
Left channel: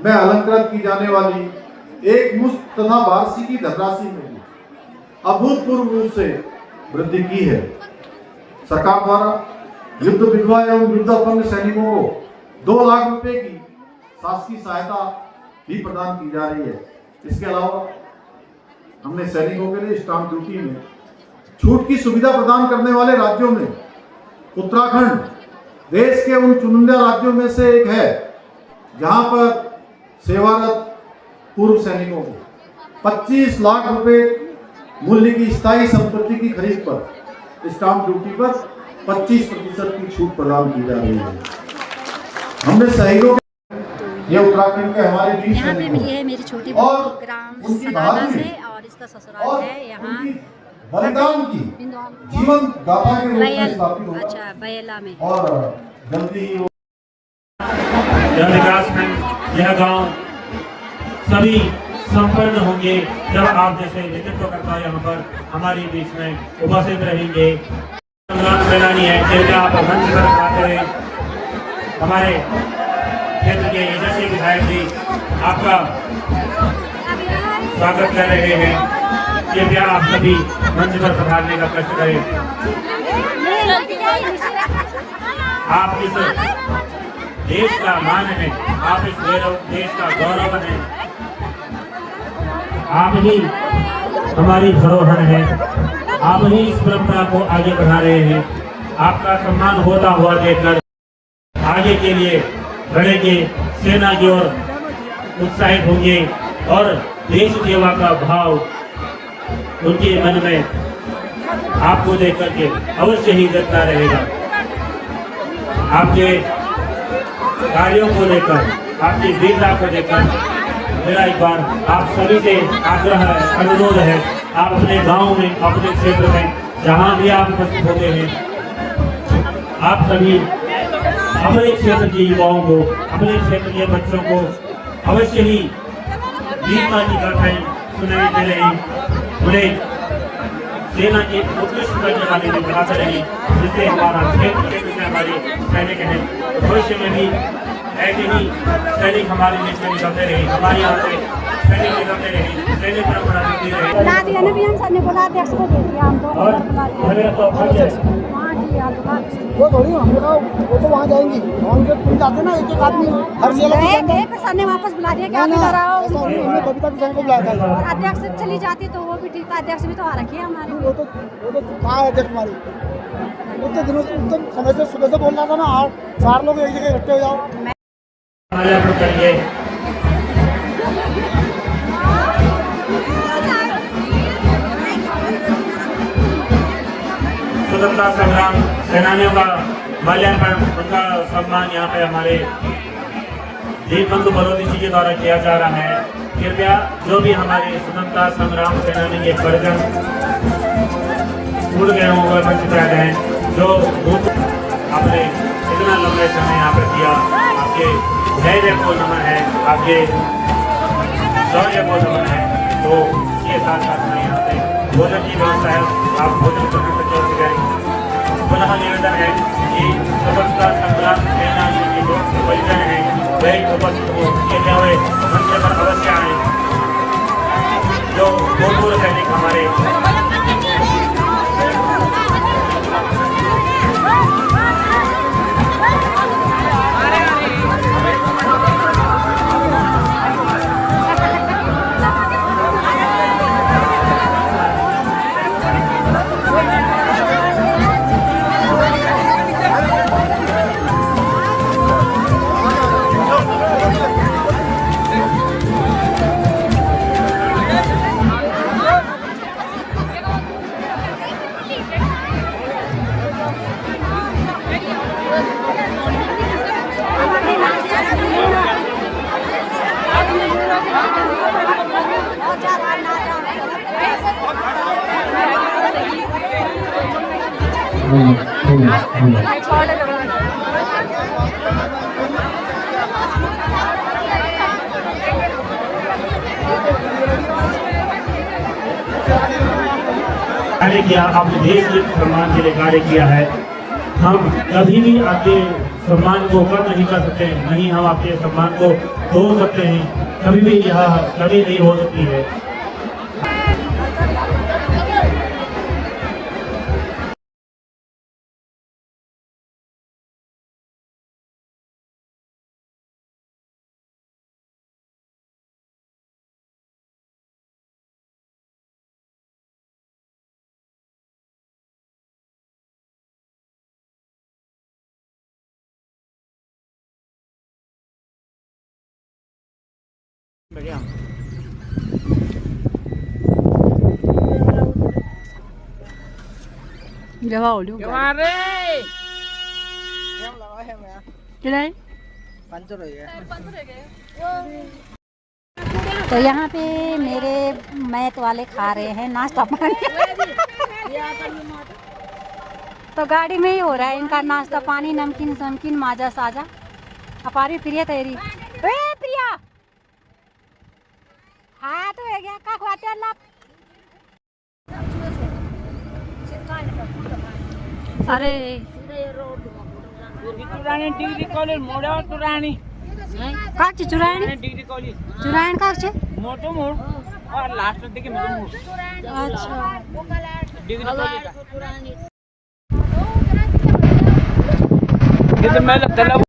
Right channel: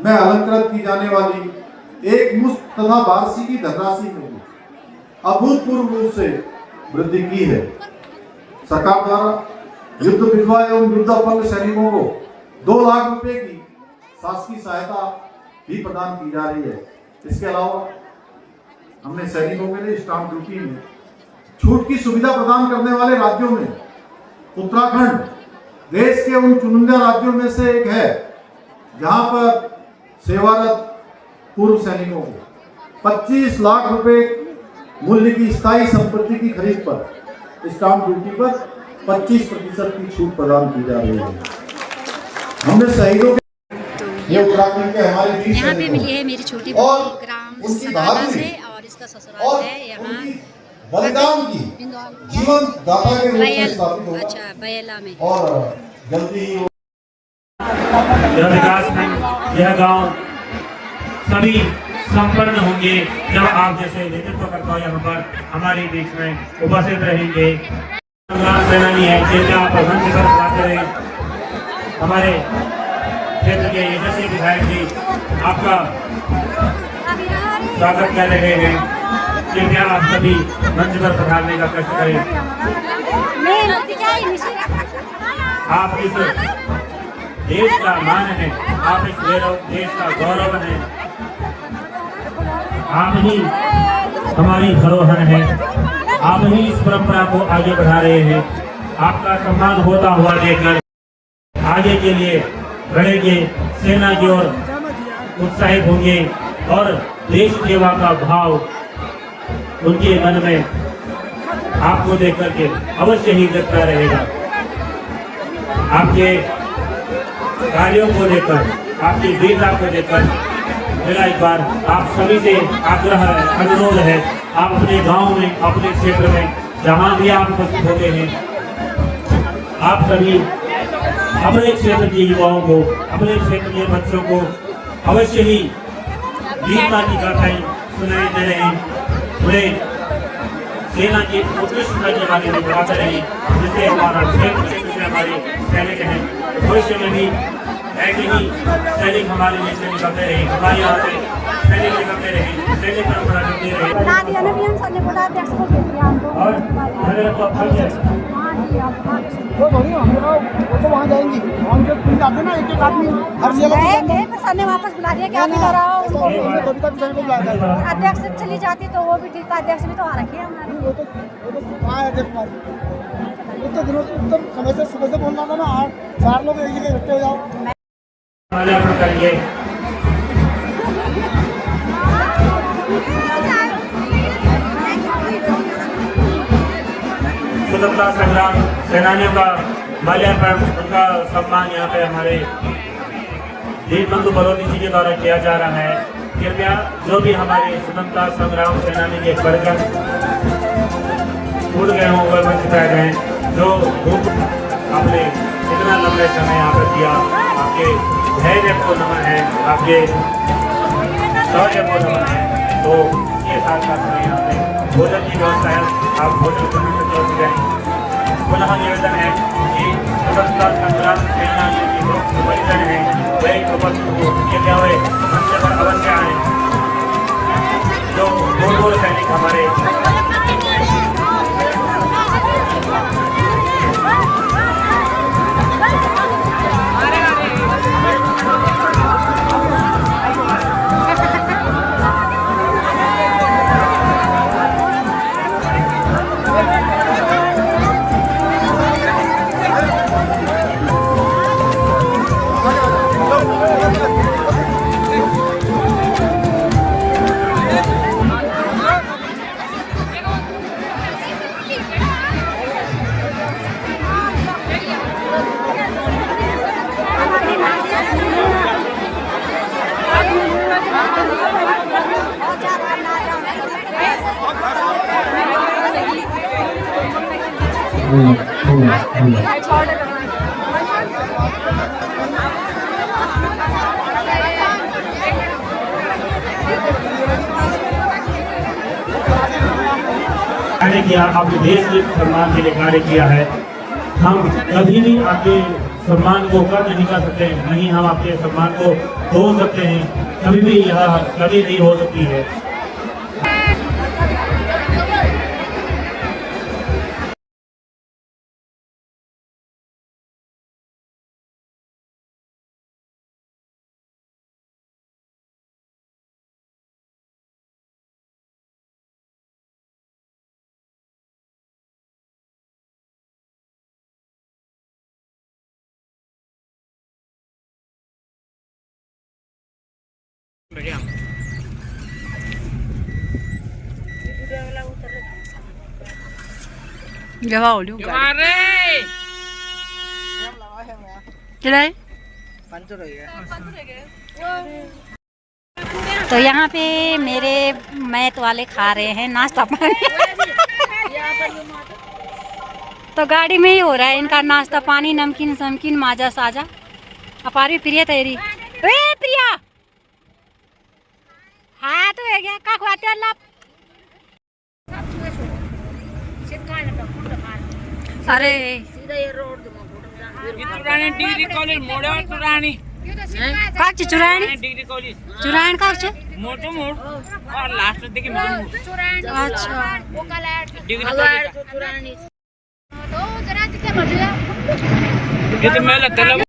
में अलंकृत की जाने वाली एक मुश्त तथा वार्षिकी धनराशि में भी अभूतपूर्व रूप से वृद्धि की है। सरकार द्वारा युद्ध विधवा एवं युद्ध अपंग सैनिकों को 2 लाख रुपए की शासकीय सहायता भी प्रदान की जा रही है। इसके अलावा हमने सैनिकों के लिए स्टाम्प ड्यूटी में छूट की सुविधा प्रदान करने वाले राज्यों में उत्तराखंड देश के उन चुनिंदा राज्यों में से एक है जहां पर सेवारत पूर्व सैनिकों को 25 लाख रुपए मूल्य की स्थायी संपत्ति की खरीद पर स्टाम्प ड्यूटी पर 25% की छूट प्रदान की जा रही है। हमने शहीदों ये उत्तराखंड के हमारे वीर यहाँ पे सैनिकों मिली है मेरी छोटी और बहू ग्राम उनकी सनाना बहादुरी से, और इसका ससुराल और है यहाँ उनकी बलिदान की जीवन दाता के रूप में स्थापित होगा। अच्छा बयला में। और जल्दी ही यह विकास खंड, यह गांव सभी संपन्न होंगे जब आप जैसे नेतृत्व करता यहाँ पर हमारे बीच में उपस्थित रहेंगे। संग्राम सेनानी है, कृपया आप मंच पर बात करें। हमारे क्षेत्र के यशस्वी विधायक जी आपका स्वागत कर रहे हैं। कृपया आप सभी मंच पर पधारने का कष्ट करें। आप इस देश का मान है, आप इस देश का गौरव है, आप ही हमारी धरोहर है, आप ही इस परंपरा को आगे बढ़ा रहे हैं। आपका सम्मान होता हुआ देखकर आगे के लिए बढ़ेंगे, सेना की ओर उत्साहित होंगे और देश सेवा का भाव उनके मन में आपको देख करके अवश्य ही जगता रहेगा। आपके कार्यों को लेकर, आपकी वीरता को लेकर मेरा एक बार आप सभी से आग्रह है, अनुरोध है, आप अपने गांव में, अपने क्षेत्र में जहां भी आप उपस्थित होते हैं, आप सभी अपने क्षेत्र के युवाओं को, अपने क्षेत्र के बच्चों को अवश्य ही वीरता की गाथाएं सुनाई दे रही, उन्हें सेना के उत्कृष्ट करने वाले भी बनाते रहे, जिससे हमारा क्षेत्र से हमारे सैनिक हैं भविष्य में भी ऐसे ही सैनिक हमारे लिए से निकलते रहे, हमारे यहाँ से सैनिक निकलते रहे, सैन्य परंपरा चलती रहे। वो तो वहाँ जाएंगी, हम जो जाते ना एक आदमी हर गए सर ने वापस बुला दिया कि आप इधर आओ। कविता किसान को बुलाया था। और अध्यक्ष चली जाती तो वो भी ठीक था, अध्यक्ष भी तो आ रखी है हमारी। वो तो कहाँ है अध्यक्ष हमारी? उतने दिनों से एकदम समय से सुबह से बोल रहा था ना, 4 लोग एक जगह इकट्ठे हो जाओ। स्वतंत्रता संग्राम सेनानियों का माल्यार्पण, उनका सम्मान यहाँ पे हमारे दीप बंधु बलौदी जी के द्वारा किया जा रहा है। कृपया जो भी हमारे स्वतंत्रता संग्राम सेनानी के परिजन भूल गए हों, वह सिखाए गए, जो आपने इतना लंबे समय यहाँ पर दिया, आपके धैर्य को नमन है, आपके शौर्य को नमन है। तो इसके साथ साथ हमें यहाँ पे भोजन की व्यवस्था है, आप भोजन करना सकते हो। पुनः निवेदन है कि स्वतंत्रता संग्राम सेनानी के जो परिजन हैं वह उपस्थित होते हुए मंच पर अवश्य आए। जो पूर्व सैनिक हमारे कार्य किया, अपने देश के सम्मान के लिए कार्य किया है। हम कभी भी आपके सम्मान को कम नहीं कर सकते, नहीं हम आपके सम्मान को तोड़ सकते हैं, कभी भी यह कभी नहीं हो सकती है। जवाब लो गाड़ी चलाए। तो यहाँ पे मेरे मैथ वाले खा रहे हैं नाश्ता पानी। तो गाड़ी में ही हो रहा है इनका नाश्ता पानी, नमकीन समकीन माजा साजा। अपारी प्रिया तेरी प्रिया हाँ तो है क्या का खुआते अल्लाह। अरे चुरानी डिग्री कॉलेज मोड़ा चुरानी काच चुरानी डिग्री कॉलेज चुरान काच मोटो मोड़ और लास्ट देखिए मोटो मोड़ अच्छा डिग्री कॉलेज ये तो मैं लगता है